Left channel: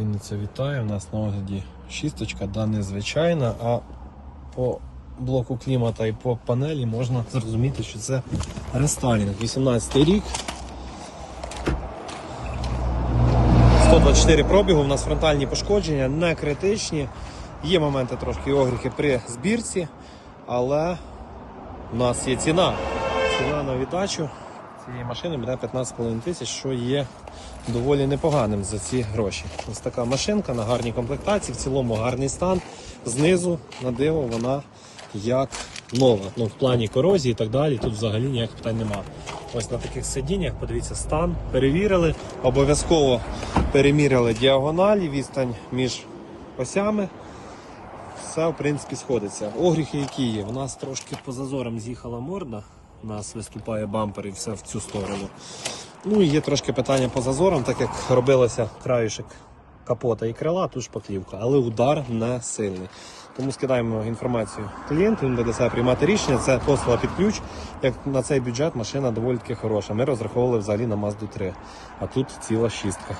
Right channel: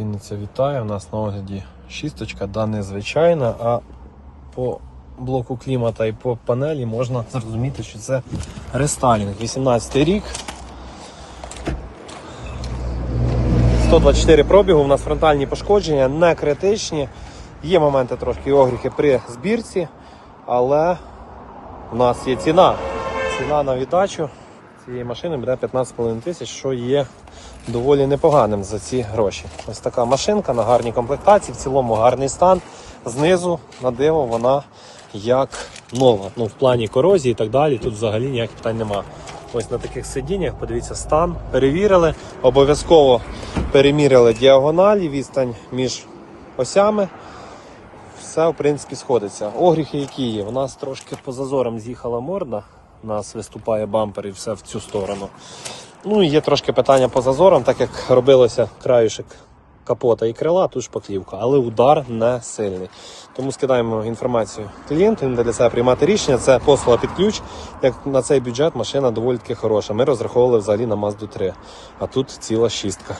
Вінниця вітаю, у нас на огляді шісточка, да незвичайна, а по блоку клімата і по панелі можна зрозуміти, що це рестайлінг. 18 рік. 124 пробігу, у нас фронтальні пошкодження, не критичні. Є моменти трошки огріхи при збірці, але у нас є ціна. Ціна на віддачу цієї машини буде 15,5 тисяч, що є доволі непоганим за ці гроші. Ось така машинка на гарній комплектації, в цілому гарний стан. Знизу на диво вона як нова. Ну, в плані корозії і так далі. Тут взагалі ніяких питань немає. Ось на таких сидіннях, подивіться, стан, перевірили, обов'язково перемірили діагоналі, відстань між осями. Все, в принципі, сходиться. Огріхи, які є. У нас трошки по зазорам з'їхала морда. У нас виступає бампер і все в цю сторону. Ну і є трошки питання по зазорам, так як робилося краюшек капота і крила, тут шпаклівка, але удар не сильний. Тому скидаємо інформацію клієнту, він для себе приймати рішення. Це послуга під ключ. Як на цей бюджет машина доволі таки хороша. Ми розраховували взагалі на Mazda 3, а тут ціла шістка.